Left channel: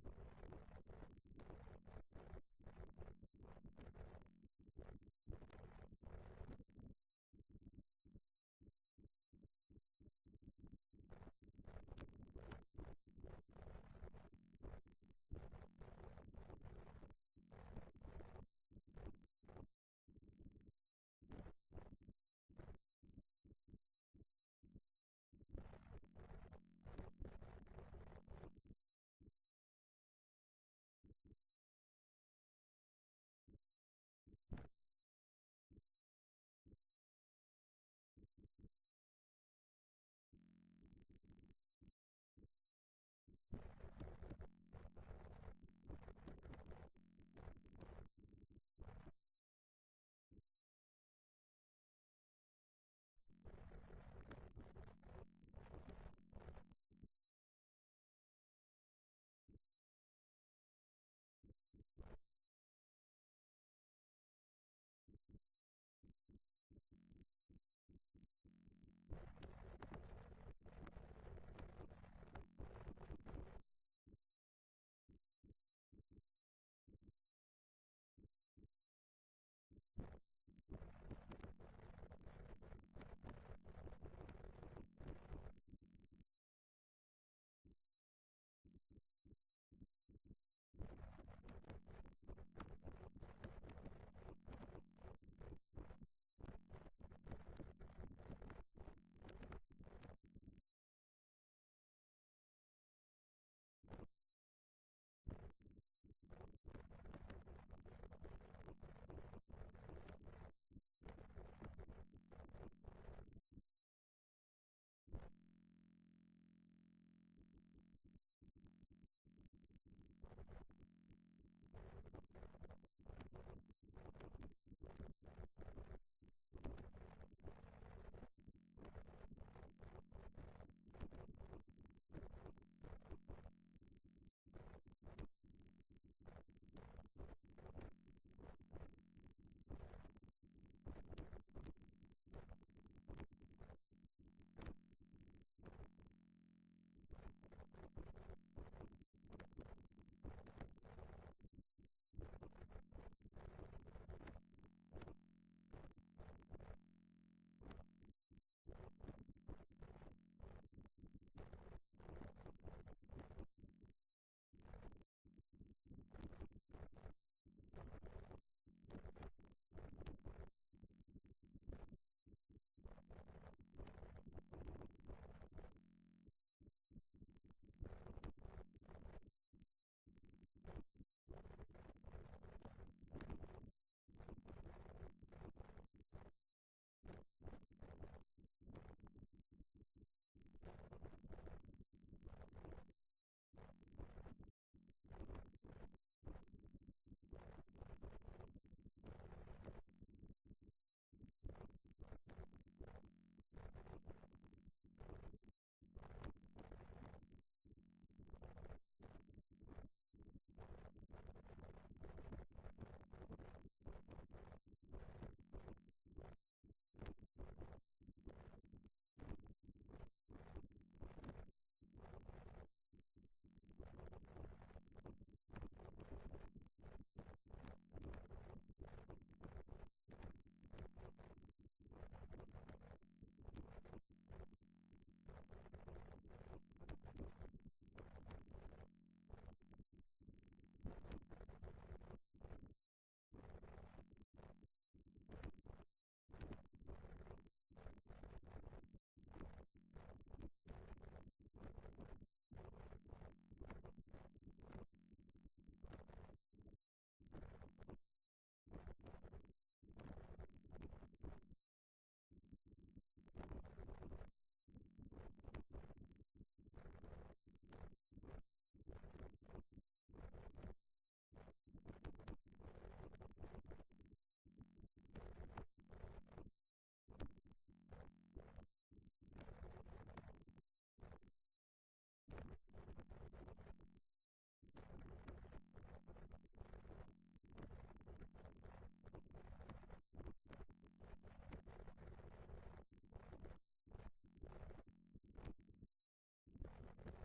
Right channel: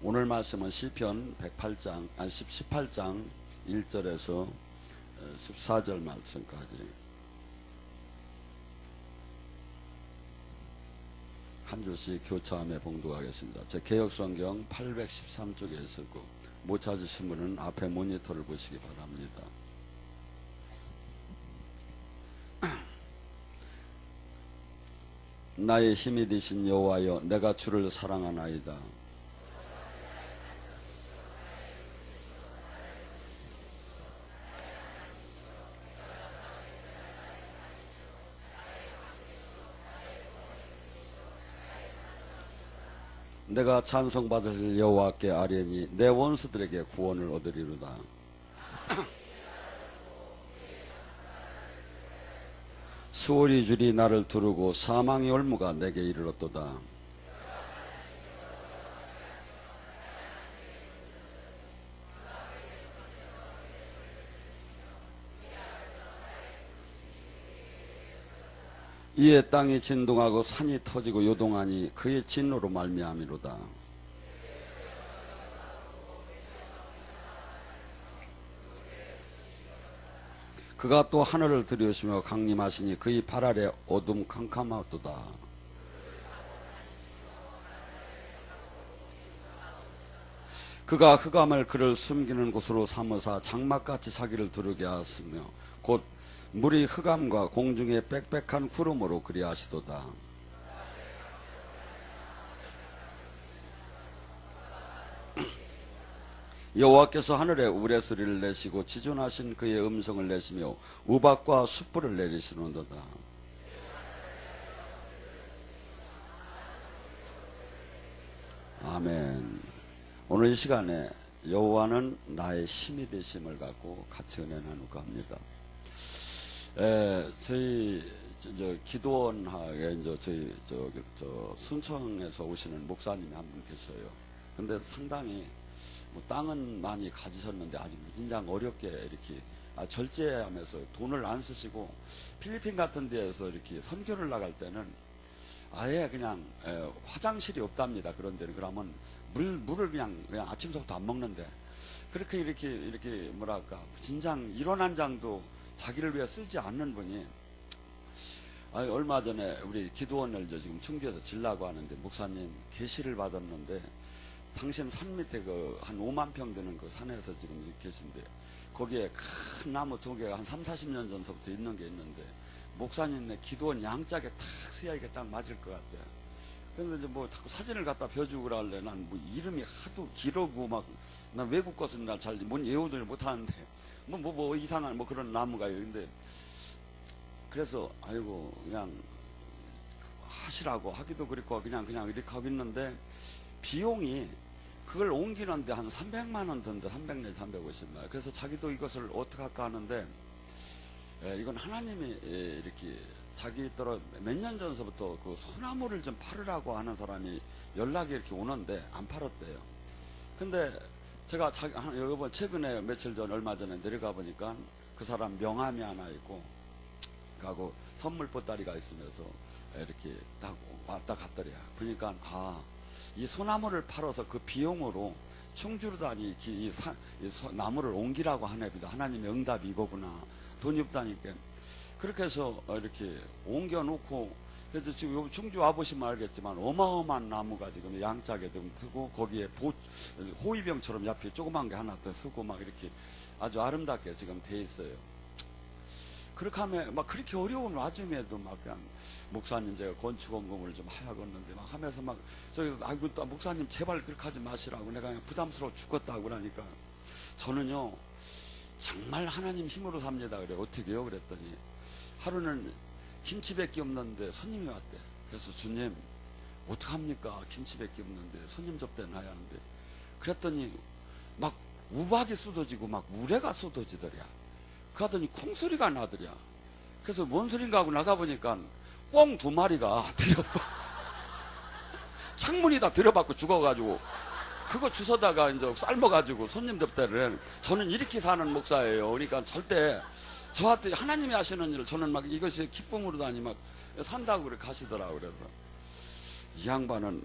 오늘 말씀은 시편 18장 1절에서 14절 말씀까지 한 줄씩 교차하며 봉독하겠습니다. 제 개역성경 813쪽에 있을 거 못 찾으신 분은 앞에 모니터를 보시기 바랍니다. 나의 힘이 되신 여호와여, 내가 주를 사랑하나이다. 내가 찬송받으실 여호와께 아뢰니 내 원수들에게 구원을 얻으리로다. 수월이 줄이 나를 두르고 사망의 올무가 내게 이르렀도다. 이에 땅이 진동하고 산이 터지고 요동하니 그의 진노로 말미암이로다. 그가 또 하늘을 들이우시며 강림하시니 그의 발 아래 어둠 캄캄하도다. 그가 흑암을 그를 숨기는 곳으로 삼으사 장막같이 자기를 두르게 하시며 곧 물이 흑암과 공중의 빽빽한 구름으로 그리하시도다. 여호와께서 하늘에 우레소리를 내시고 지존하신 그의 음성을 내시며 우박과 숯불을 내리시는도다. 아멘. 오늘 이 시간에 여호와는 나의 힘이 되심을 갖고 같이 은혜 나누고 합니다. 저희 기도원하게 저희 순천에서 오시는 목사님이 한 분 계셔요. 근데 상당히 땅은 많이 가지셨는데 아주 무진장 어렵게 이렇게 절제하면서 돈을 안 쓰시고 필리핀 같은 데에서 이렇게 선교를 나갈 때는 아예 그냥 화장실이 없답니다. 그런 데는. 그러면 물을 그냥 아침부터 안 먹는데 그렇게 이렇게 뭐랄까 진장 일원 한 장도 자기를 위해 쓰지 않는 분이 얼마 전에 우리 기도원을 지금 충주에서 질라고 하는데 목사님 계시를 받았는데 당신 산 밑에 그 한 5만 평 되는 그 산에서 지금 계신데 거기에 큰 나무 2개가 한 30-40년 전서부터 있는 게 있는데 목사님네 기도원 양짝에 탁 서야 이게 딱 맞을 것 같아요. 그런데 이제 뭐 자꾸 사진을 갖다 벼주고 그러길래 난 뭐 이름이 하도 길어고 막 난 외국 것은 날 잘 뭔 예우들 못 하는데 뭐 이상한 뭐 그런 나무가요. 근데 그래서 아이고 그냥 하시라고 하기도 그랬고 그냥 이렇게 하고 있는데 비용이 그걸 옮기는데 한 300만 원 든데 300내지 350만. 그래서 자기도 이것을 어떻게 할까 하는데 이건 하나님이 이렇게 자기 따라 몇 년 전서부터 그 소나무를 좀 팔으라고 하는 사람이 연락이 이렇게 오는데 안 팔았대요. 근데 제가 여러분 최근에 며칠 전 얼마 전에 내려가 보니까 그 사람 명함이 하나 있고 가고 선물 보따리가 있으면서 이렇게 딱 왔다 갔더래요. 그러니까 이 소나무를 팔아서 그 비용으로 충주로 다니 이 나무를 옮기라고 하네보다. 하나님의 응답이 이거구나. 돈이 없다니까. 그렇게 해서 이렇게 옮겨놓고 그래서 지금 여기 충주 와보시면 알겠지만 어마어마한 나무가 지금 양짝에 좀 쓰고 거기에 호위병처럼 옆에 조그만 게 하나 더 쓰고 막 이렇게 아주 아름답게 지금 돼 있어요. 그렇게 하면 막 그렇게 어려운 와중에도 막 그냥 목사님 제가 건축원금을 좀 하야겠는데 막 하면서 막 아이고 또 목사님 제발 그렇게 하지 마시라고 내가 그냥 부담스러워 죽겠다고 그러니까 저는요 정말 하나님 힘으로 삽니다. 그래 어떻게요? 그랬더니 하루는 김치밖에 없는데 손님이 왔대. 그래서 주님 어떡합니까? 김치밖에 없는데 손님 접대는 해야 하는데 그랬더니 막 우박이 쏟아지고 막 우레가 쏟아지더랴. 그러더니 콩소리가 나더랴. 그래서 뭔 소린가 하고 나가보니까 꽁 2마리가 창문이 다 들어받고 죽어가지고 그거 주워다가 이제 삶아가지고 손님 접대를 해. 저는 이렇게 사는 목사예요. 그러니까 절대 저한테 하나님이 하시는 일을 저는 막 이것이 기쁨으로 다니 막 산다고 그렇게 가시더라고. 그래서 이 양반은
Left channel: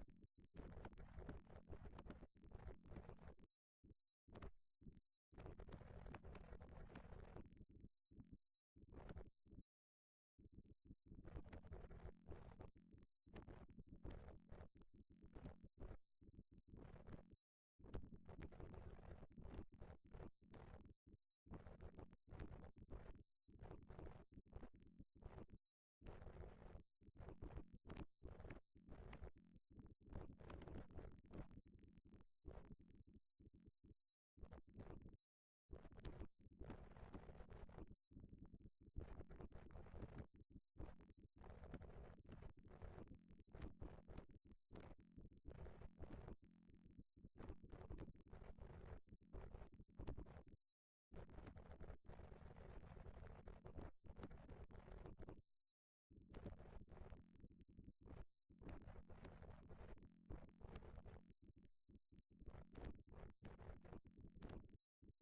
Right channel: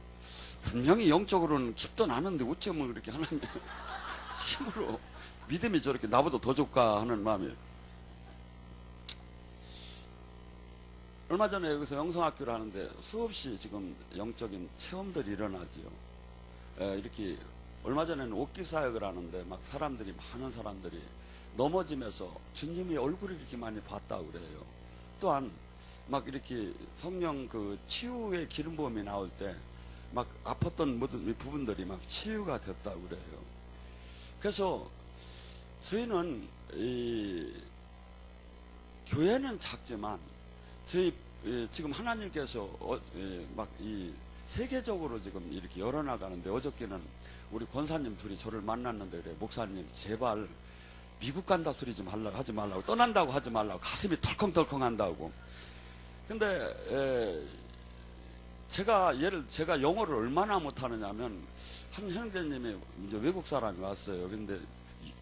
분명히 영적으로는 깊도 나는데 어쩌면 그렇게 하나님 힘으로 믿음이 저렇게 나보다 더 좋까 하는 마음이에요. 얼마 전에 여기서 영성학교를 하는데 수없이 지금 영적인 체험들이 일어나지요. 이렇게 얼마 전에는 옥기 사역을 하는데 막 사람들이, 많은 사람들이 넘어지면서 주님이 얼굴을 이렇게 많이 봤다고 그래요. 또한 막 이렇게 성령 그 치유의 기름 부음이 나올 때 막 아팠던 모든 부분들이 막 치유가 됐다고 그래요. 그래서 저희는 이 교회는 작지만 저희 지금 하나님께서 막 이 세계적으로 지금 이렇게 열어나가는데, 어저께는 우리 권사님 둘이 저를 만났는데 그래, 목사님 제발 미국 간다 소리 좀 하지 말라고, 떠난다고 하지 말라고, 가슴이 덜컹덜컹 한다고. 근데 제가 영어를 얼마나 못하느냐면, 한 형제님이 이제 외국 사람이 왔어요. 근데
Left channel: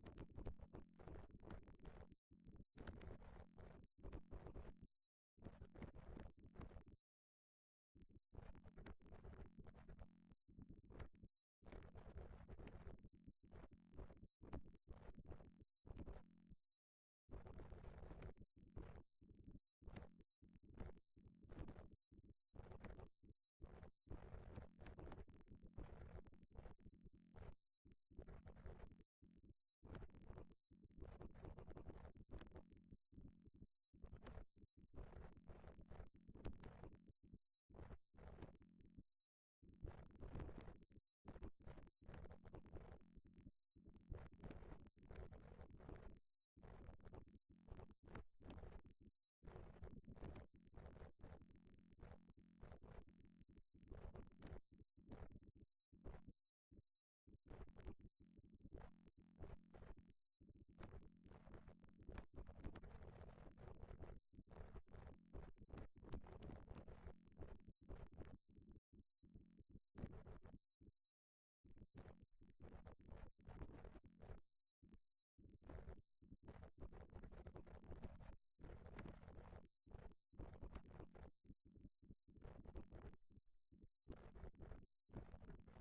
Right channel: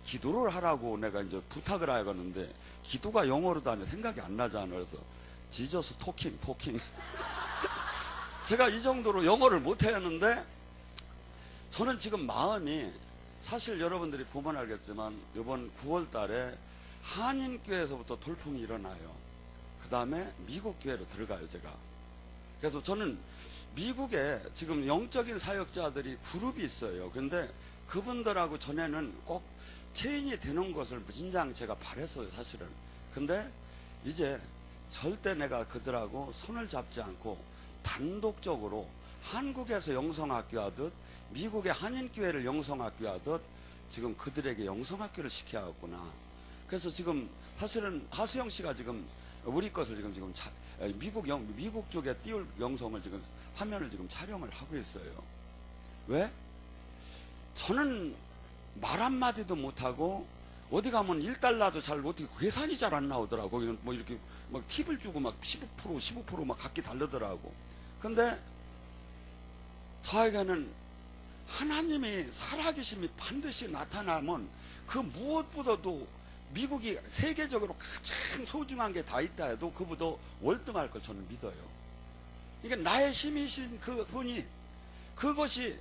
기도를 하라고 내가 이제 부탁을 하겠는데, 기도가 영어로도 아니 생각이 안 나잖아요. 그래서 지저스 토킹 제가 이 정도로 영어를 못했는데, 저는 지금 마음이, 사실 여러분들이 보면 알겠지만 이번 9월 달에 한인교회에서부터 돌풍이 일어나요. 그 다음에 미국 교회로 들어가요, 제가. 그래서 저는 미국에 지금 영적인 사역자들이 그룹이 있어요. 그런데 그분들하고 전에는 꼭 체인이 되는 것을 무진장 제가 바랬어요, 사실은. 근데 이제 절대 내가 그들하고 손을 잡지 않고 단독적으로 한국에서 영성학교 하듯 미국의 한인교회를 영성학교 하듯 지금 그들에게 영성학교를 시켜야겠구나. 그래서 지금 사실은 하수영 씨가 지금 우리 것을 지금 미국 쪽에 띄울 영성을 지금 화면을 지금 촬영을 하고 있어요. 왜? 저는 말 한마디도 못하고 어디 가면 1달러도 잘 어떻게 계산이 잘 안 나오더라고. 뭐 이렇게 막 팁을 주고 막 15% 막 각기 다르더라고. 근데 저에게는 하나님의 살아계심이 반드시 나타나면 그 무엇보다도 미국이 세계적으로 가장 소중한 게 다 있다 해도 그보다 월등할 걸 저는 믿어요. 이게 나의 힘이신 그 분이, 그것이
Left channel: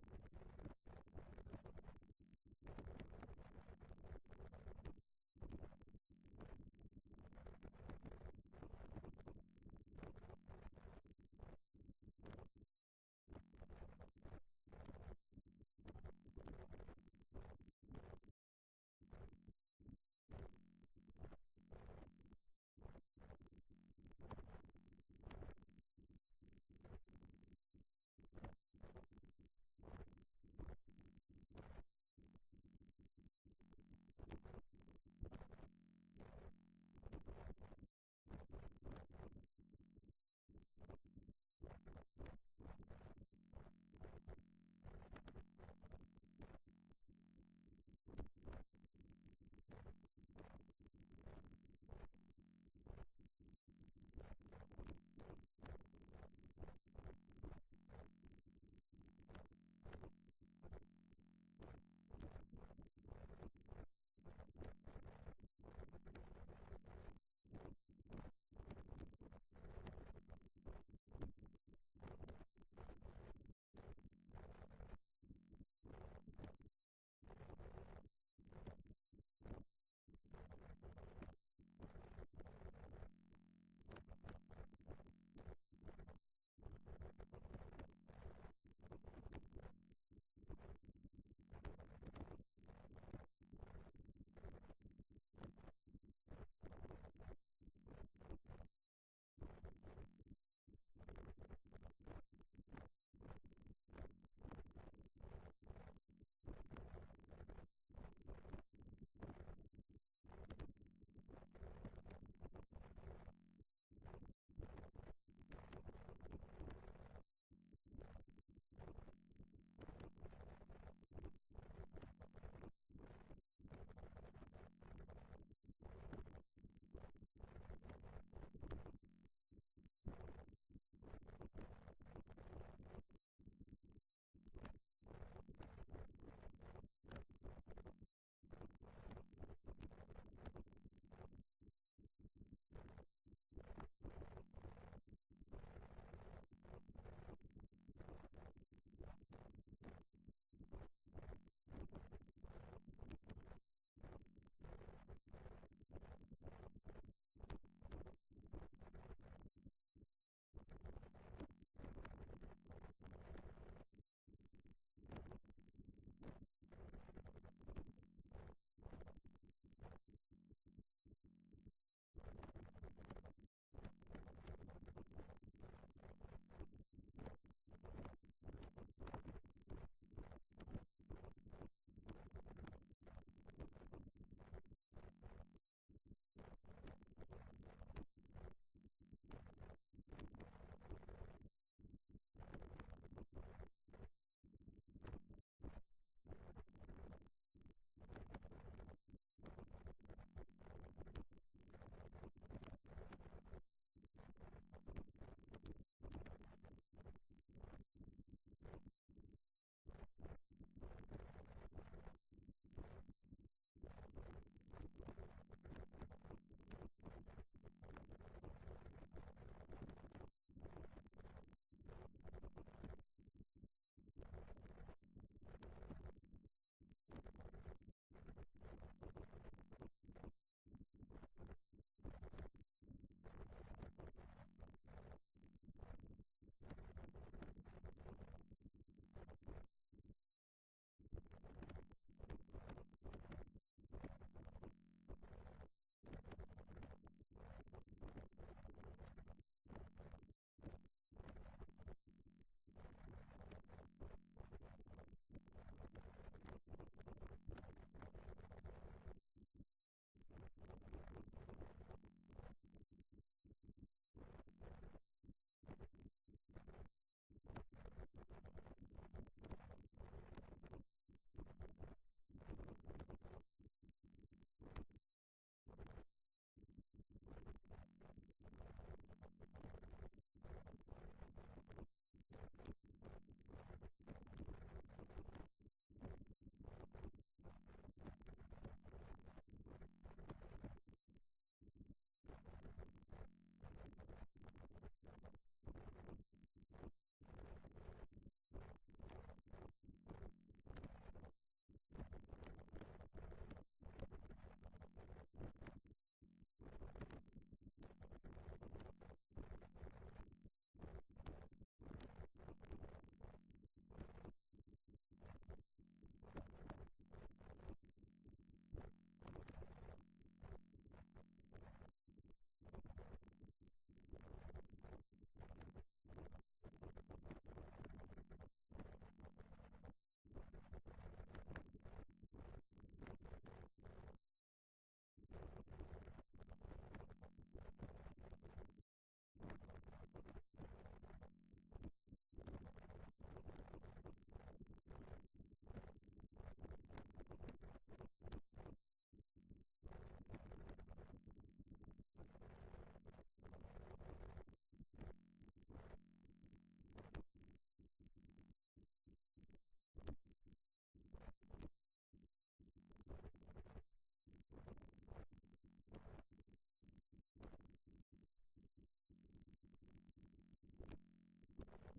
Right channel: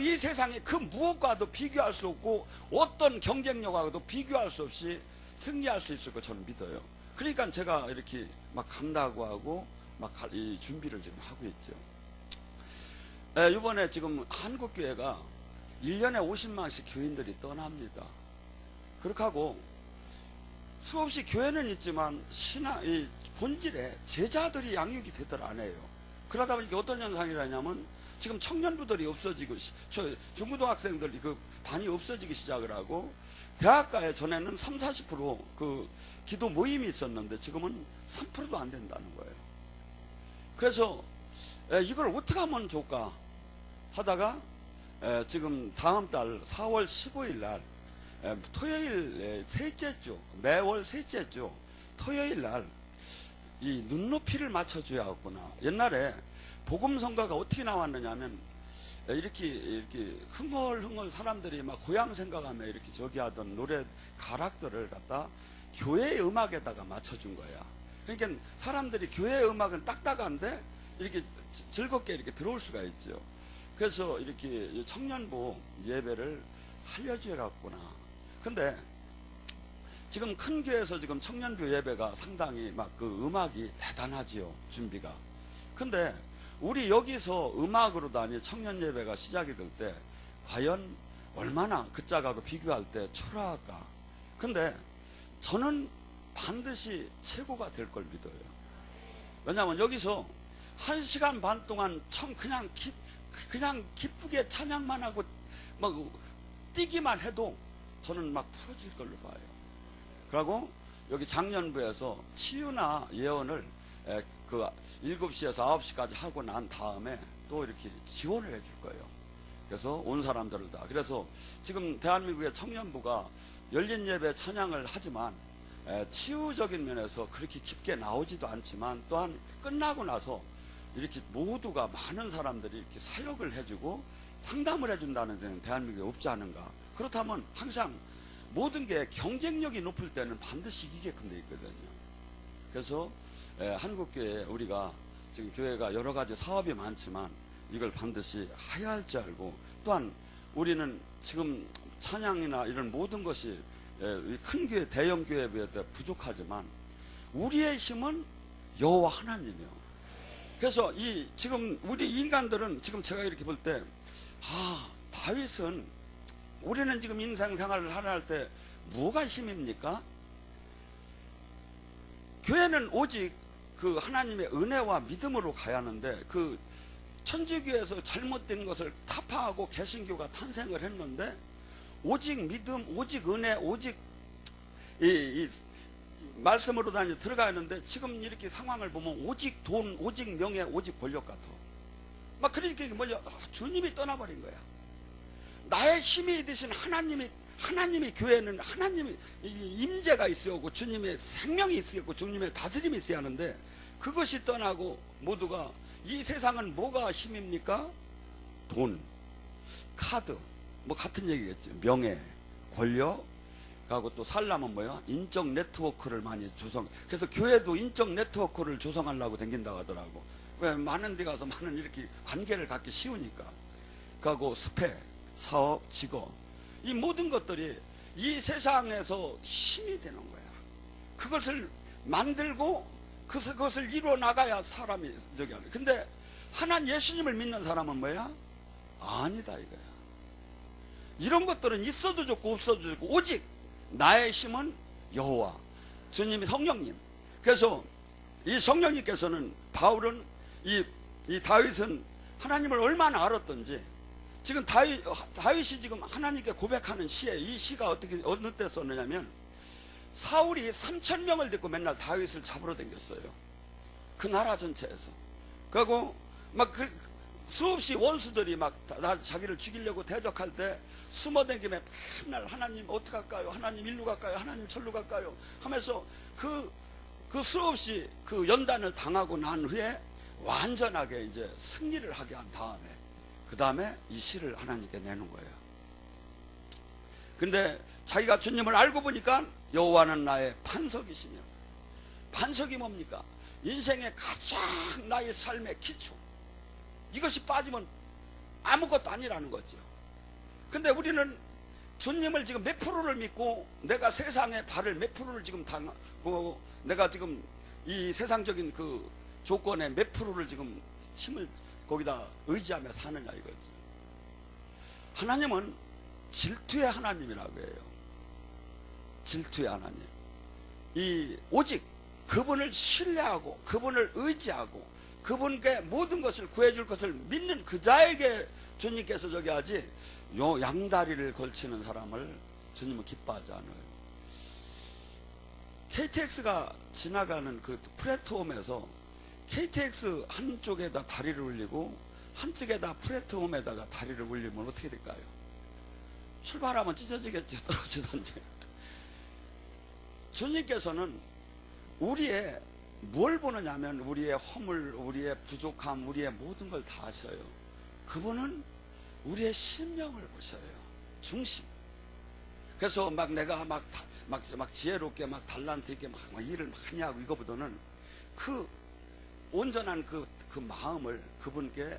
이 세상에 그 무엇과도 비교할 수 없고 어떤 경쟁력과도 비교할 수 없이 승리할 수 있을 걸 저는 믿어요. 그러니까 제가 이렇게 막 간다고 하고 막 이 준비를 지금 하고 있죠. 이번에 지금 한국교회가 1년에 50만씩 교인들이 떠납니다. 그렇게 하고 수없이 교회는 있지만 이 본질에 제자들이 양육이 되들 안 해요. 그러다 보니까 어떤 현상이라냐면 지금 청년부들이 없어지고, 중고등학생들이 그 반이 없어지기 시작을 하고, 대학가에 전에는 30-40% 그 기도 모임이 있었는데 지금은 3%도 안 된다는 거예요. 그래서 이걸 어떻게 하면 좋을까 하다가 지금 다음 달 4월 15일 날 토요일 셋째 주, 매월 셋째 주 토요일 날 이 눈높이를 맞춰줘야겠구나. 옛날에 복음성가가 어떻게 나왔느냐 하면 이렇게 흥얼흥얼 사람들이 막 고향 생각하며 이렇게 저기 하던 노래 가락들을 갖다 교회의 음악에다가 맞춰준 거야. 그러니까 사람들이 교회의 음악은 딱딱한데 이렇게 즐겁게 이렇게 들어올 수가 있죠. 그래서 이렇게 청년부 예배를 살려줘야겠구나. 근데 지금 큰 교회에서 지금 청년부 예배가 상당히 막 그 음악이 대단하지요, 준비가. 근데 우리 여기서 음악으로도 아니 청년 예배가 시작이 될 때 과연 얼마나 그 짝하고 비교할 때 초라할까. 근데 저는 반드시 최고가 될 걸 믿어요. 왜냐하면 여기서 1시간 반 동안 그냥 기쁘게 찬양만 하고 막 뛰기만 해도 저는 막 풀어질 걸로 봐요. 그리고 여기 장년부에서 치유나 예언을 그 7시에서 9시까지 하고 난 다음에 또 이렇게 지원을 해줄 거예요. 그래서 온 사람들을 다. 그래서 지금 대한민국의 청년부가 열린 예배 찬양을 하지만 치유적인 면에서 그렇게 깊게 나오지도 않지만, 또한 끝나고 나서 이렇게 모두가 많은 사람들이 이렇게 사역을 해주고 상담을 해준다는 데는 대한민국에 없지 않은가. 그렇다면 항상 모든 게 경쟁력이 높을 때는 반드시 이기게끔 돼 있거든요. 그래서 한국교회 우리가 지금 교회가 여러 가지 사업이 많지만 이걸 반드시 해야 할 줄 알고, 또한 우리는 지금 찬양이나 이런 모든 것이 큰 교회, 대형 교회에 비해 부족하지만 우리의 힘은 여호와 하나님이요. 그래서 지금 우리 인간들은 지금 제가 이렇게 볼 때, 다윗은 우리는 지금 인생 생활을 하나 할 때 뭐가 힘입니까? 교회는 오직 그 하나님의 은혜와 믿음으로 가야 하는데, 그 천주교에서 잘못된 것을 타파하고 개신교가 탄생을 했는데, 오직 믿음, 오직 은혜, 오직 이 말씀으로 다니 들어가야 하는데, 지금 이렇게 상황을 보면 오직 돈, 오직 명예, 오직 권력 같아. 막 그러니까 뭐냐, 주님이 떠나버린 거야. 나의 힘이 되신 하나님이 교회는 하나님이 임재가 있어야 하고, 주님의 생명이 있어야 하고, 주님의 다스림이 있어야 하는데, 그것이 떠나고 모두가, 이 세상은 뭐가 힘입니까? 돈, 카드, 뭐 같은 얘기겠죠. 명예, 권력, 하고 또 살려면 뭐야? 인적 네트워크를 많이 그래서 교회도 인적 네트워크를 조성하려고 댕긴다고 하더라고. 왜? 많은 데 가서 많은 이렇게 관계를 갖기 쉬우니까. 그리고 스펙, 사업, 직업, 이 모든 것들이 이 세상에서 힘이 되는 거야. 그것을 만들고 그것을 이루어 나가야 사람이 저기 하는. 근데 하나님 예수님을 믿는 사람은 뭐야? 아니다 이거야. 이런 것들은 있어도 좋고 없어도 좋고, 오직 나의 힘은 여호와, 주님이 성령님. 그래서 이 성령님께서는, 바울은 이 다윗은 하나님을 얼마나 알았던지, 지금 다윗이 지금 하나님께 고백하는 시에, 이 시가 어느 때 썼느냐면, 사울이 3,000명을 데리고 맨날 다윗을 잡으러 다녔어요. 그 나라 전체에서. 그리고 막 수없이 원수들이 막 자기를 죽이려고 대적할 때 숨어다니며 맨날 하나님 어떡할까요? 하나님 일로 갈까요? 하나님 절로 갈까요? 하면서 그 수없이 그 연단을 당하고 난 후에 완전하게 이제 승리를 하게 한 다음에, 그 다음에 이 시를 하나님께 내는 거예요. 근데 자기가 주님을 알고 보니까 여호와는 나의 반석이시며, 반석이 뭡니까? 인생의 가장 나의 삶의 기초, 이것이 빠지면 아무것도 아니라는 거죠. 근데 우리는 주님을 지금 몇 프로를 믿고, 내가 세상의 발을 몇 프로를 지금 당하고, 내가 지금 이 세상적인 그 조건에 몇 프로를 지금 힘을 거기다 의지하며 사느냐 이거죠. 하나님은 질투의 하나님이라고 해요. 질투의 하나님. 오직 그분을 신뢰하고 그분을 의지하고 그분께 모든 것을 구해줄 것을 믿는 그 자에게 주님께서 저기 하지, 요 양다리를 걸치는 사람을 주님은 기뻐하지 않아요. KTX가 지나가는 그 플랫폼에서 KTX 한쪽에다 다리를 올리고 한쪽에다 플랫폼에다가 다리를 올리면 어떻게 될까요? 출발하면 찢어지겠죠. 떨어지던지. 주님께서는 우리의 뭘 보느냐면, 우리의 허물, 우리의 부족함, 우리의 모든 걸 다 아셔요. 그분은 우리의 심령을 보셔요. 중심. 그래서 막 내가 막 지혜롭게 막 달란트 있게 막 일을 막 하냐고, 이거보다는 그 온전한 그 마음을 그분께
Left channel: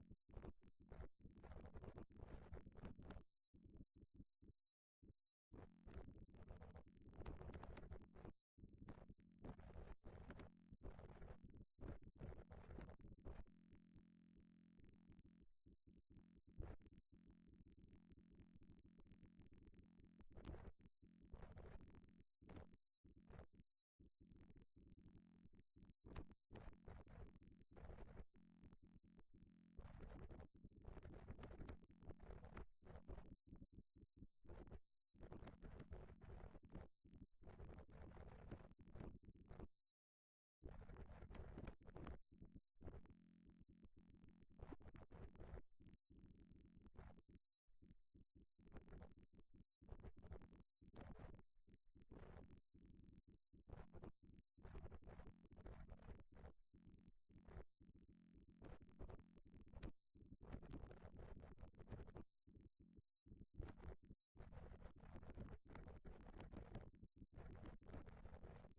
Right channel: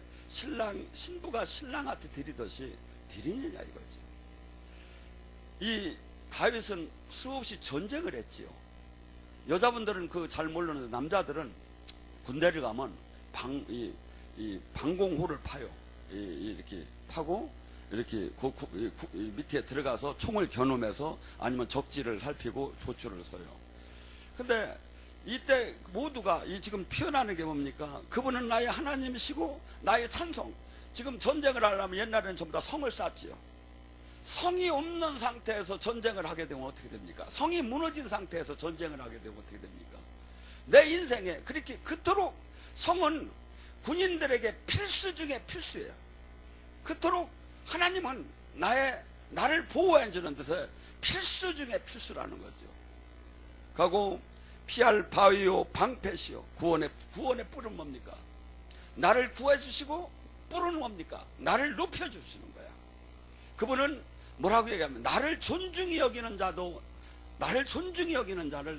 신부가 신랑한테 드리듯이 드리느냐 이거지. 이 다윗은 수없이 전쟁을 했지요. 여자분들은 그 잘 모르는데, 남자들은 군대를 가면 방공호를 파요. 이렇게 파고 이렇게 밑에 들어가서 총을 겨누면서 아니면 적지를 살피고 조추를 서요. 근데 이때 모두가 지금 표현하는 게 뭡니까? 그분은 나의 하나님이시고 나의 산성. 지금 전쟁을 하려면 옛날에는 전부 다 성을 쌓지요. 성이 없는 상태에서 전쟁을 하게 되면 어떻게 됩니까? 성이 무너진 상태에서 전쟁을 하게 되면 어떻게 됩니까? 내 인생에 그토록 성은 군인들에게 필수 중에 필수예요. 그토록 하나님은 나를 보호해 주는 데서 필수 중에 필수라는 거죠. 가고 피할 바위요 방패시요. 구원의 뿔은 뭡니까? 나를 구해 주시고, 뿔은 뭡니까? 나를 높여 주시는 거야. 그분은 뭐라고 얘기하면, 나를 존중히 여기는 자를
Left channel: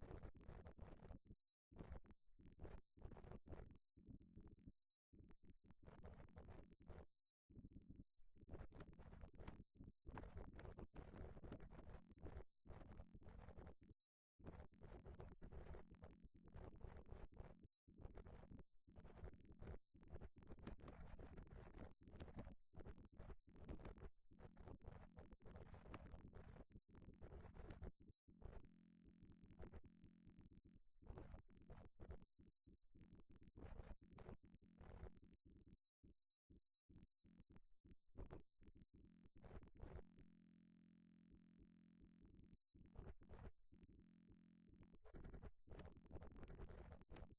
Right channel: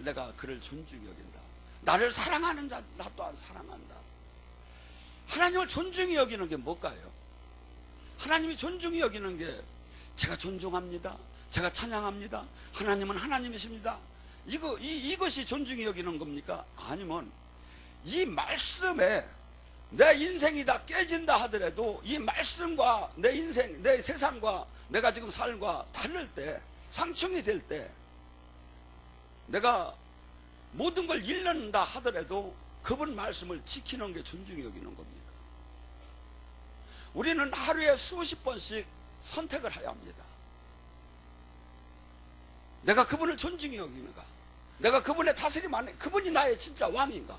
내가 그를 존중히 여긴다. 나를 사랑하는 자 나 또한 사랑한다. 하나님을 존중히 여기는 게 뭘까요? 하나님이 존중히 여기는 게 제가 존중합니다, 제가 찬양합니다, 하나님은 하나님이십니다, 이것이 존중히 여기는 겁니까? 아니면 이 말씀에 내 인생이 다 깨진다 하더라도 이 말씀과 내 인생, 내 세상과 내가 지금 삶과 다를 때, 상충이 될 때 내가 모든 걸 잃는다 하더라도 그분 말씀을 지키는 게 존중히 여기는 겁니다. 우리는 하루에 수십 번씩 선택을 해야 합니다. 내가 그분을 존중히 여기는가? 내가 그분의 다스림 안에 그분이 나의 진짜 왕인가?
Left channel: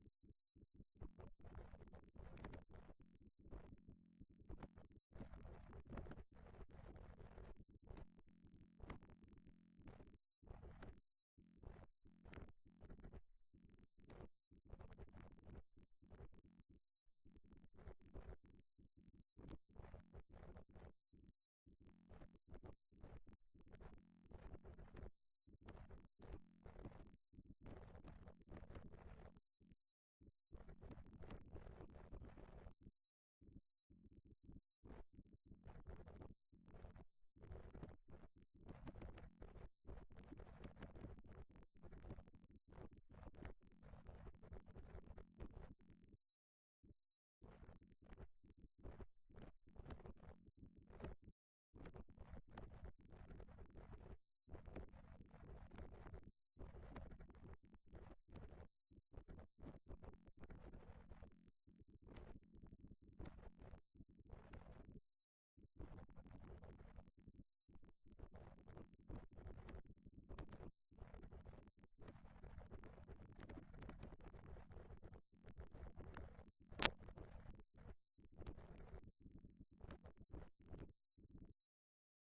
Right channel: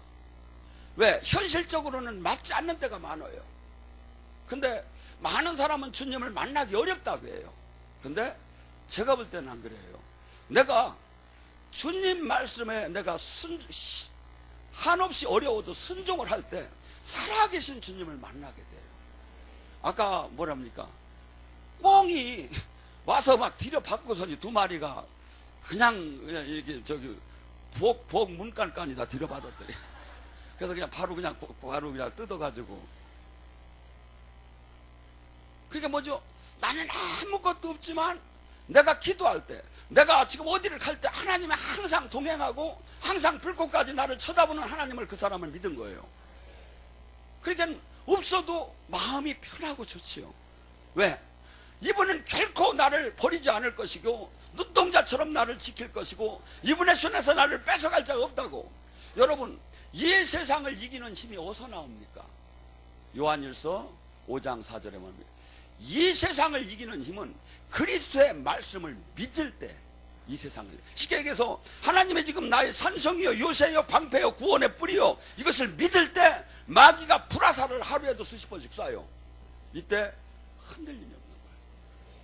왜? 현실적으로는 맞지 않는 때가 많아요. 근데 많은 사람은 주님을 만나기 어렵다고 해요. 근데 제가 볼 때는 안 그래요. 내가 주님 말씀에 내가 한없이 어려워도 순종을 할 때 살아계신 주님을 만나게 돼요. 아까 뭐랍니까? 꽁이 와서 막 들여받고서니 두 마리가 그냥 이렇게 부엌 문간까지 다 들여받았더래. 그래서 바로 그냥 뜯어가지고. 그게 뭐죠? 나는 아무것도 없지만 내가 기도할 때, 내가 지금 어디를 갈 때 하나님이 항상 동행하고 항상 불꽃까지 나를 쳐다보는 하나님을 그 사람을 믿은 거예요. 그러니까 없어도 마음이 편하고 좋지요. 왜? 이분은 결코 나를 버리지 않을 것이고 눈동자처럼 나를 지킬 것이고 이분의 손에서 나를 뺏어갈 자가 없다고. 여러분, 이 세상을 이기는 힘이 어디서 나옵니까? 요한일서 5장 4절에 말합니다. 이 세상을 이기는 힘은 그리스도의 말씀을 믿을 때 이 세상을, 쉽게 얘기해서 하나님의 지금 나의 산성이요 요새요 방패요 구원의 뿌리요 이것을 믿을 때 마귀가 불화살을 하루에도 수십 번씩 쏴요. 이때 흔들림이 없는 거예요.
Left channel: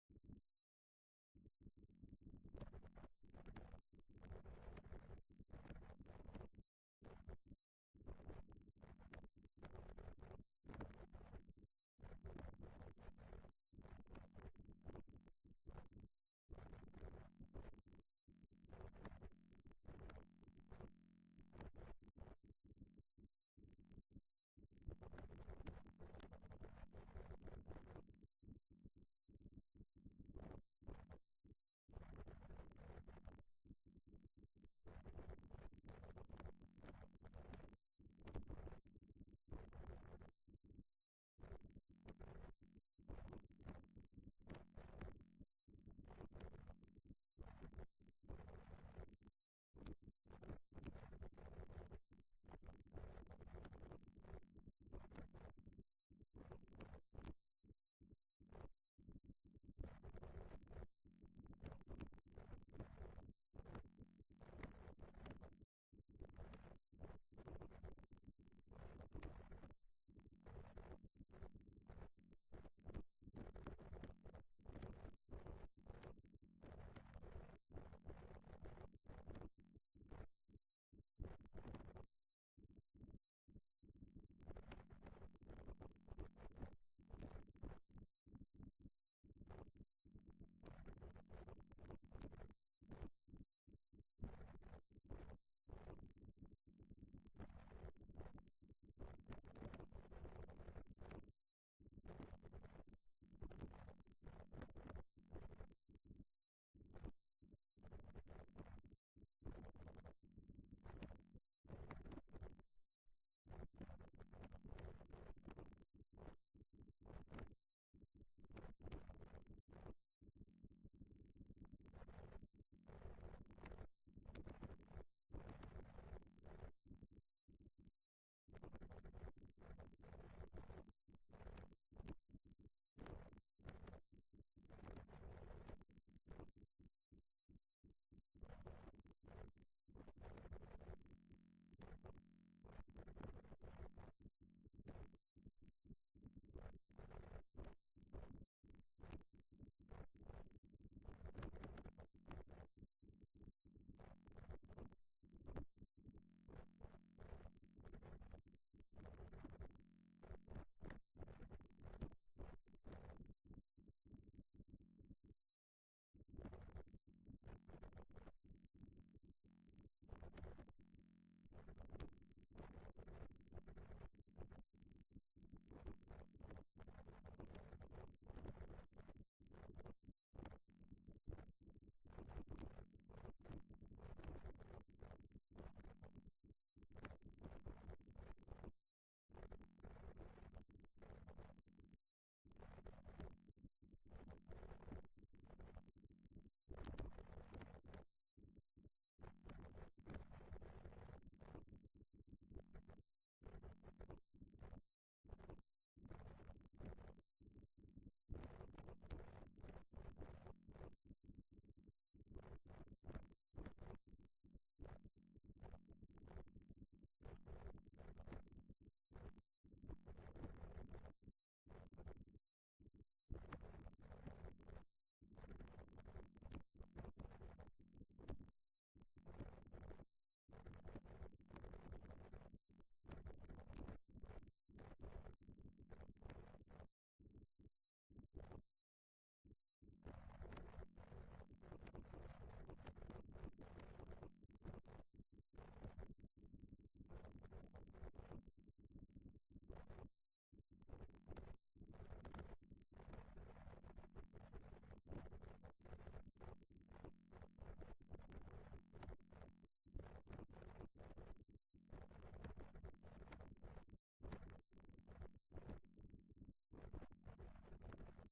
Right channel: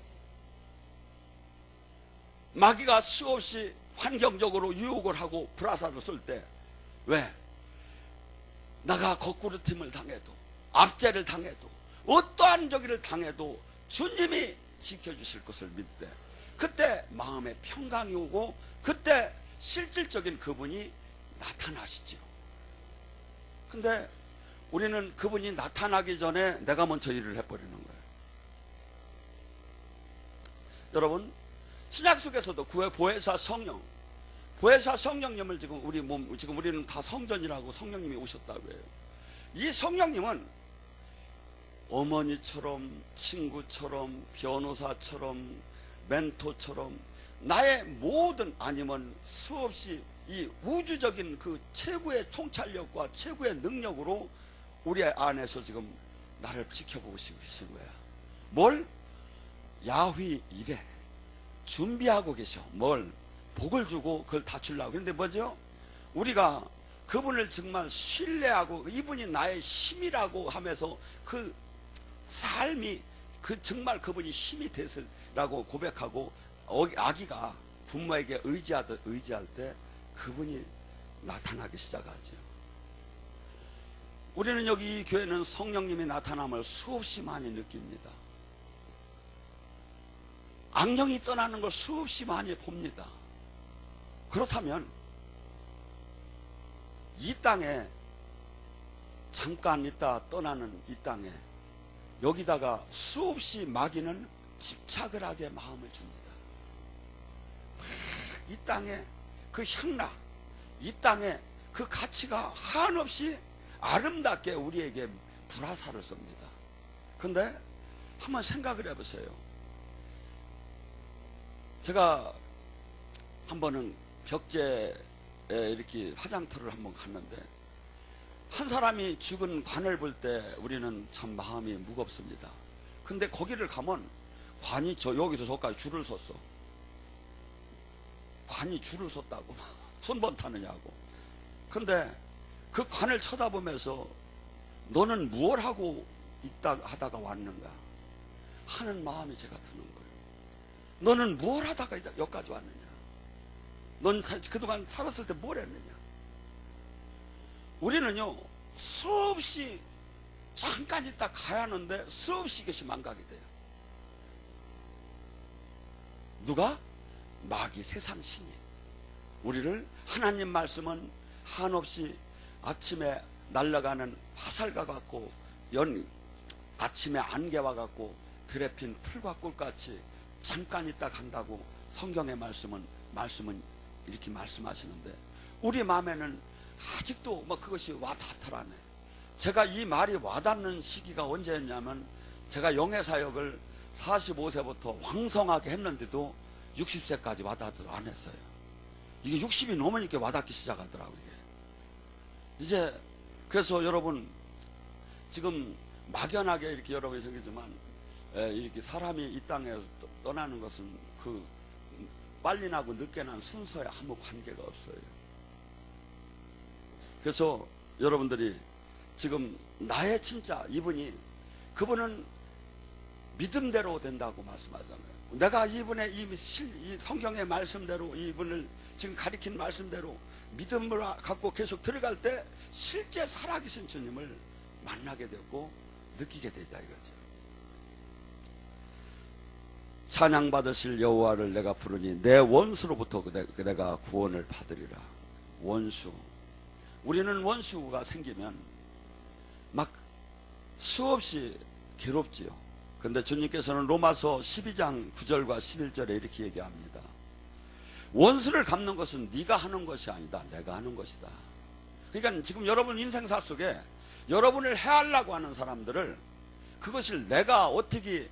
마귀가 수없이 환경적으로 유혹을 하고 불화살을 쏠 때, 왜? 나가 거꾸로 틈을 당해도 압제를 당해도 어떠한 저기를 당해도 주님이 지켜주실 것을 믿을 때 그때 마음에 평강이 오고 그때 실질적인 그분이 나타나시죠. 근데 우리는 그분이 나타나기 전에 내가 먼저 일을 해버리는 거예요. 여러분, 신약 속에서도 보혜사 성령, 보혜사 성령님을 지금 우리는 다 성전이라고 성령님이 오셨다고 해요. 이 성령님은 어머니처럼, 친구처럼, 변호사처럼, 멘토처럼 나의 모든, 아니면 수없이 이 우주적인 그 최고의 통찰력과 최고의 능력으로 우리 안에서 지금 나를 지켜보고 계신 거야. 뭘? 야훼 이래 준비하고 계셔. 뭘? 복을 주고 그걸 다 주려고. 그런데 뭐죠? 우리가 그분을 정말 신뢰하고 이분이 나의 힘이라고 하면서 그 삶이 정말 그분이 힘이 되시라고 고백하고 아기가 부모에게 의지할 때 그분이 나타나기 시작하죠. 우리는 여기 이 교회는 성령님의 나타남을 수없이 많이 느낍니다. 악령이 떠나는 걸 수없이 많이 봅니다. 그렇다면 이 땅에 잠깐 있다 떠나는 이 땅에 여기다가 수없이 마귀는 집착을 하게 마음을 줍니다. 이 땅에 그 향락, 이 땅에 그 가치가 한없이 아름답게 우리에게 불화살을 쏩니다. 근데 한번 생각을 해보세요. 제가 한 번은 벽제에 이렇게 화장터를 한번 갔는데 한 사람이 죽은 관을 볼 때 우리는 참 마음이 무겁습니다. 근데 거기를 가면 관이 여기서 저까지 줄을 섰어. 관이 줄을 섰다고. 손번 타느냐고. 근데 그 관을 쳐다보면서 너는 무엇 하고 있다 하다가 왔는가 하는 마음이 제가 드는 거예요. 너는 무엇 하다가 여기까지 왔느냐. 넌 그동안 살았을 때 뭘 했느냐. 우리는요 수없이 잠깐 있다 가야 하는데 수없이 이것이 망각이 돼요. 누가? 마귀, 세상 신이 우리를, 하나님 말씀은 한없이 아침에 날아가는 화살과 같고 아침에 안개와 같고 들에 핀 풀과 꿀같이 잠깐 있다 간다고 성경의 말씀은 이렇게 말씀하시는데, 우리 마음에는 아직도 뭐 그것이 와닿더라네. 제가 이 말이 와닿는 시기가 언제였냐면, 제가 영회사역을 45세부터 왕성하게 했는데도 60세까지 와닿지도 않았어요. 이게 60이 넘으니까 와닿기 시작하더라고요. 이제 그래서 여러분, 지금 막연하게 이렇게 여러분이 생기지만, 이렇게 사람이 이 땅에서 떠나는 것은 그 빨리 나고 늦게 난 순서에 아무 관계가 없어요. 그래서 여러분들이 지금 나의 진짜 그분은 믿음대로 된다고 말씀하잖아요. 내가 이분의 이 성경의 말씀대로, 이분을 지금 가리킨 말씀대로 믿음을 갖고 계속 들어갈 때 실제 살아계신 주님을 만나게 되고 느끼게 되다 이거죠. 찬양받으실 여호와를 내가 부르니 내 원수로부터 내가 구원을 받으리라. 원수. 우리는 원수가 생기면 막 수없이 괴롭지요. 그런데 주님께서는 로마서 12장 9절과 11절에 이렇게 얘기합니다. 원수를 갚는 것은 네가 하는 것이 아니다. 내가 하는 것이다. 그러니까 지금 여러분 인생사 속에 여러분을 해하려고 하는 사람들을, 그것을 내가 어떻게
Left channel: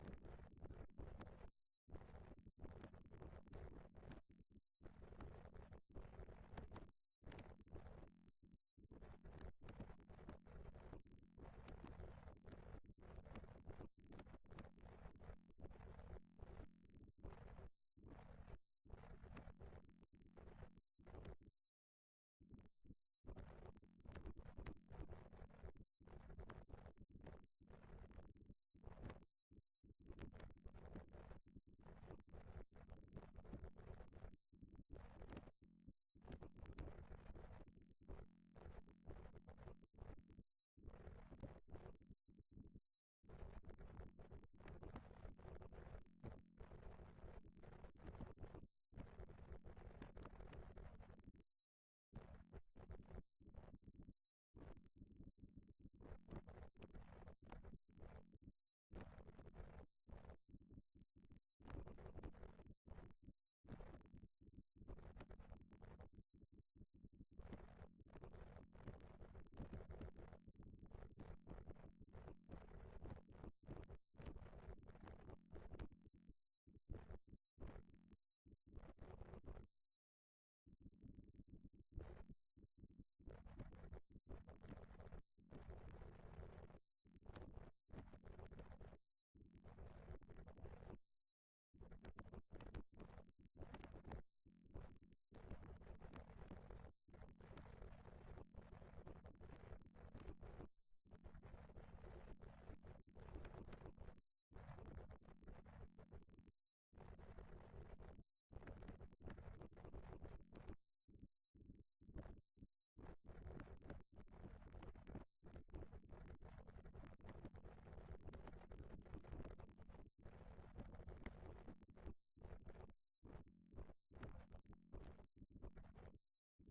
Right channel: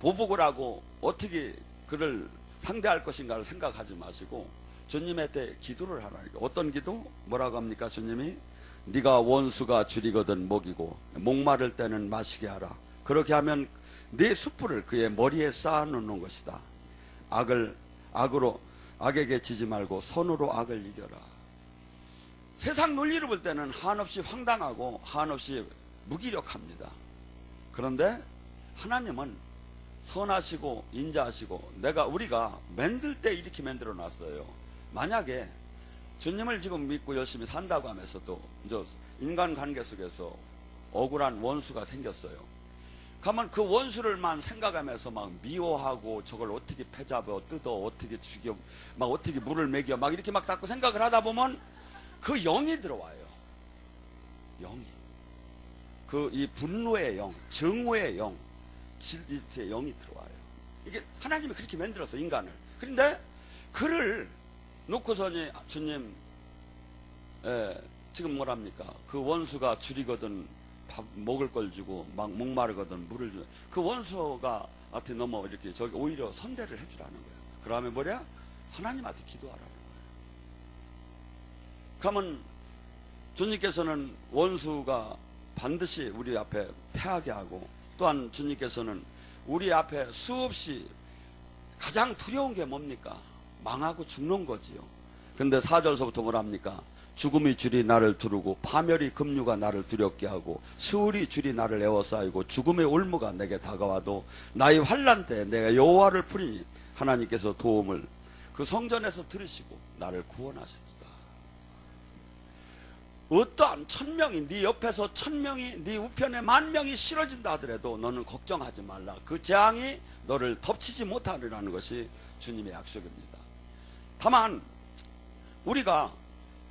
보복을 하고 어떻게 그를 상대할 것인가를 생각하지 마시고 주님의 때 기도를 하라니까. 어떤 기도? 뭐라고 합니까? 주님이 네가 원수가 줄이거든 먹이고 목마를 때는 마시게 하라. 그렇게 하면 네 숯불을 그의 머리에 쌓아 놓는 것이다. 악에게 지지 말고 선으로 악을 이겨라. 세상 논리를 볼 때는 한없이 황당하고 한없이 무기력합니다. 그런데 하나님은 선하시고 인자하시고, 우리가 만들 때 이렇게 만들어 놨어요. 만약에 주님을 지금 믿고 열심히 산다고 하면서도 이제 인간관계 속에서 억울한 원수가 생겼어요. 그러면 그 원수를만 생각하면서 막 미워하고 저걸 어떻게 패잡아 뜯어 어떻게 죽여 막 어떻게 물을 먹여 막 이렇게 막 자꾸 생각을 하다 보면 그 영이 들어와요. 영이. 이 분노의 영, 증오의 영, 질투의 영이 들어와요. 이게 하나님이 그렇게 만들어서 인간을. 그런데 그를 놓고서니 주님, 지금 뭐랍니까? 그 원수가 줄이거든 밥 먹을 걸 주고 막 목마르거든 물을 주고, 그 원수가 한테 넘어 이렇게 저기 오히려 선대를 해주라는 거예요. 그러면 뭐냐? 하나님한테 기도하라는 거예요. 그러면 주님께서는 원수가 반드시 우리 앞에 패하게 하고, 또한 주님께서는 우리 앞에 수없이 가장 두려운 게 뭡니까? 망하고 죽는 거지요. 근데 4절서부터 뭐랍니까? 죽음의 줄이 나를 두르고 파멸의 급류가 나를 두렵게 하고 수울의 줄이 나를 에워싸이고 죽음의 올무가 내게 다가와도 나의 환난 때 내가 여호와를 부르니 하나님께서 도움을 그 성전에서 들으시고 나를 구원하시도다. 어떠한 1000명이 네 옆에서 1000명이 네 우편에 10,000명이 실어진다 하더라도 너는 걱정하지 말라. 그 재앙이 너를 덮치지 못하리라는 것이 주님의 약속입니다. 다만 우리가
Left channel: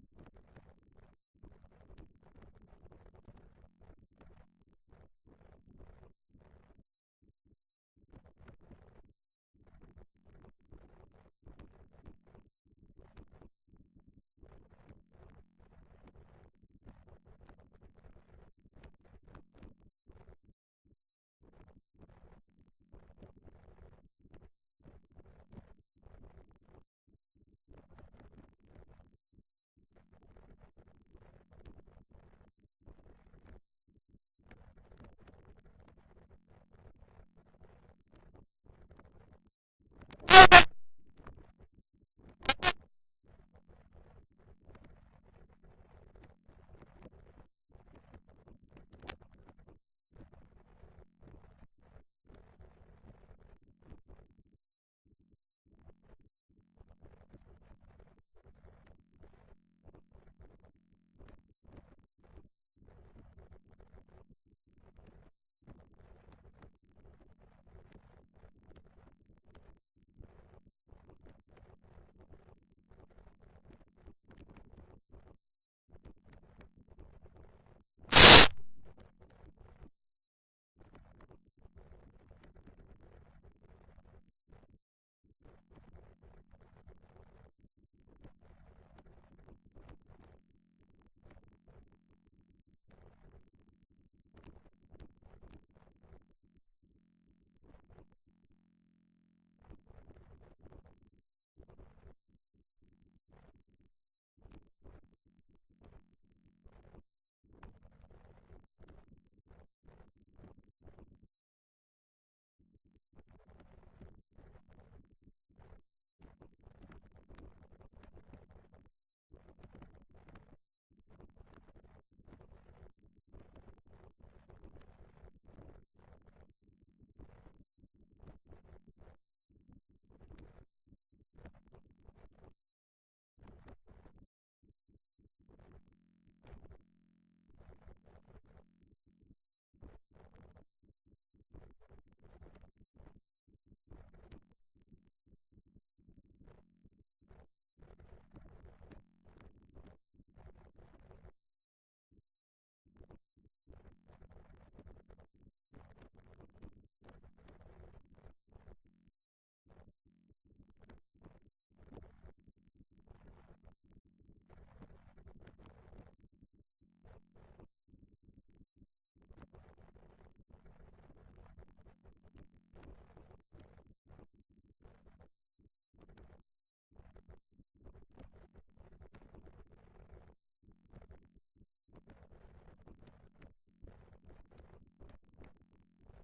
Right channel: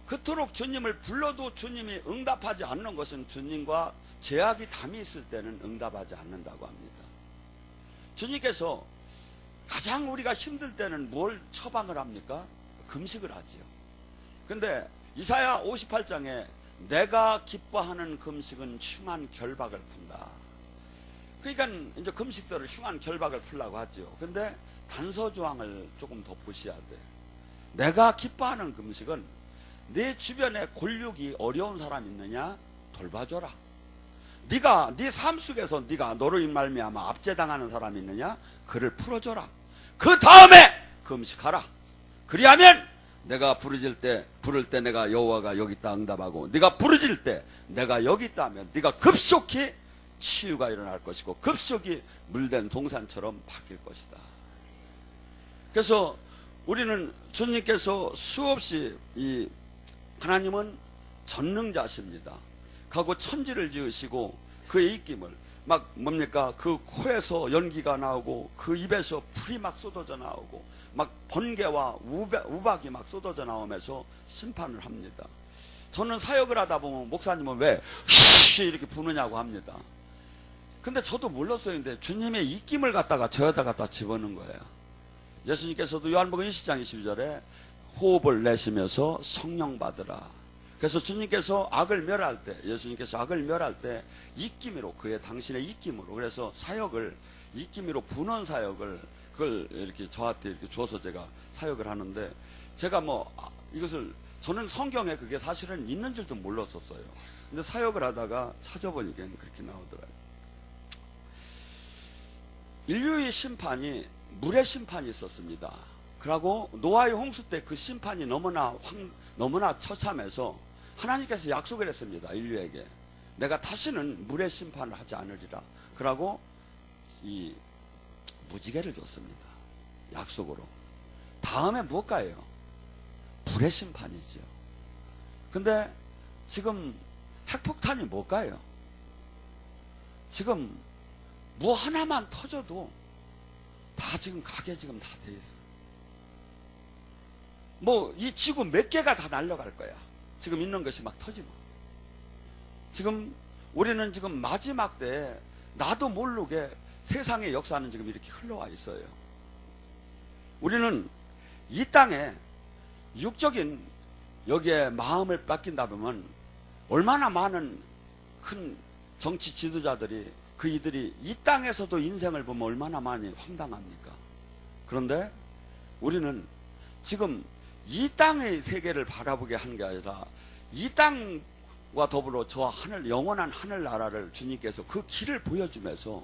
그토록 주님을 불러도 주님이 응답하지 않는 것은 주님과 제약이 담이 있을 때는 응답하지 않는다고 합니다. 주님께서 가장 우리가 힘들 때는 뭘 처방을 합니까? 금식을 하지요. 근데 이사야 58장에 내가 기뻐하는 금식은 흉한 결박을 푼다. 그러니까 이제 금식들을 흉한 결박을 풀라고 하죠. 근데 단서조항을 조금 더 보셔야 돼. 내가 기뻐하는 금식은 내 주변에 골육이 어려운 사람 있느냐? 돌봐줘라. 네가 네 삶 속에서 네가 너로 말미암아 압제당하는 사람이 있느냐? 그를 풀어줘라. 그 다음에 금식하라. 그리하면 내가 부를 때 내가 여호와가 여기 있다 응답하고, 네가 부르질 때 내가 여기 있다 하면 네가 급속히 치유가 일어날 것이고 급속히 물된 동산처럼 바뀔 것이다. 그래서 우리는 주님께서 수없이 하나님은 전능자십니다. 하고 천지를 지으시고 그의 입김을 막 뭡니까? 그 코에서 연기가 나오고 그 입에서 풀이 막 쏟아져 나오고 막 번개와 우박이 막 쏟아져 나오면서 심판을 합니다. 저는 사역을 하다 보면 목사님은 왜 이렇게 부느냐고 합니다. 근데 저도 몰랐어요. 근데 주님의 입김을 갖다가 저에다 갖다 집어넣은 거예요. 예수님께서도 요한복음 20장 22절에 호흡을 내쉬면서 성령 받으라. 그래서 주님께서 악을 멸할 때, 예수님께서 악을 멸할 때 입김으로, 그의 당신의 입김으로, 그래서 사역을 입김으로 부는 사역을 그걸 이렇게 저한테 이렇게 줘서 제가 사역을 하는데, 제가 뭐 이것을 저는 성경에 그게 사실은 있는 줄도 몰랐었어요. 근데 사역을 하다가 찾아보니까 그렇게 나오더라고요. 인류의 심판이 물의 심판이 있었습니다. 그리고 노아의 홍수 때 그 심판이 너무나 처참해서 하나님께서 약속을 했습니다. 인류에게 내가 다시는 물의 심판을 하지 않으리라. 그러고 이 무지개를 줬습니다. 약속으로. 다음에 무엇가요? 불의 심판이죠. 근데 지금 핵폭탄이 뭘까요? 지금 뭐 하나만 터져도 다 지금 가게 지금 다 돼 있어요. 뭐 이 지구 몇 개가 다 날아갈 거야. 지금 있는 것이 막 터지면. 지금 우리는 지금 마지막 때에 나도 모르게 세상의 역사는 지금 이렇게 흘러와 있어요. 우리는 이 땅에 육적인 여기에 마음을 뺏긴다 보면 얼마나 많은 큰 정치 지도자들이 이들이 이 땅에서도 인생을 보면 얼마나 많이 황당합니까? 그런데 우리는 지금 이 땅의 세계를 바라보게 한 게 아니라 이 땅과 더불어 저 하늘, 영원한 하늘나라를 주님께서 그 길을 보여주면서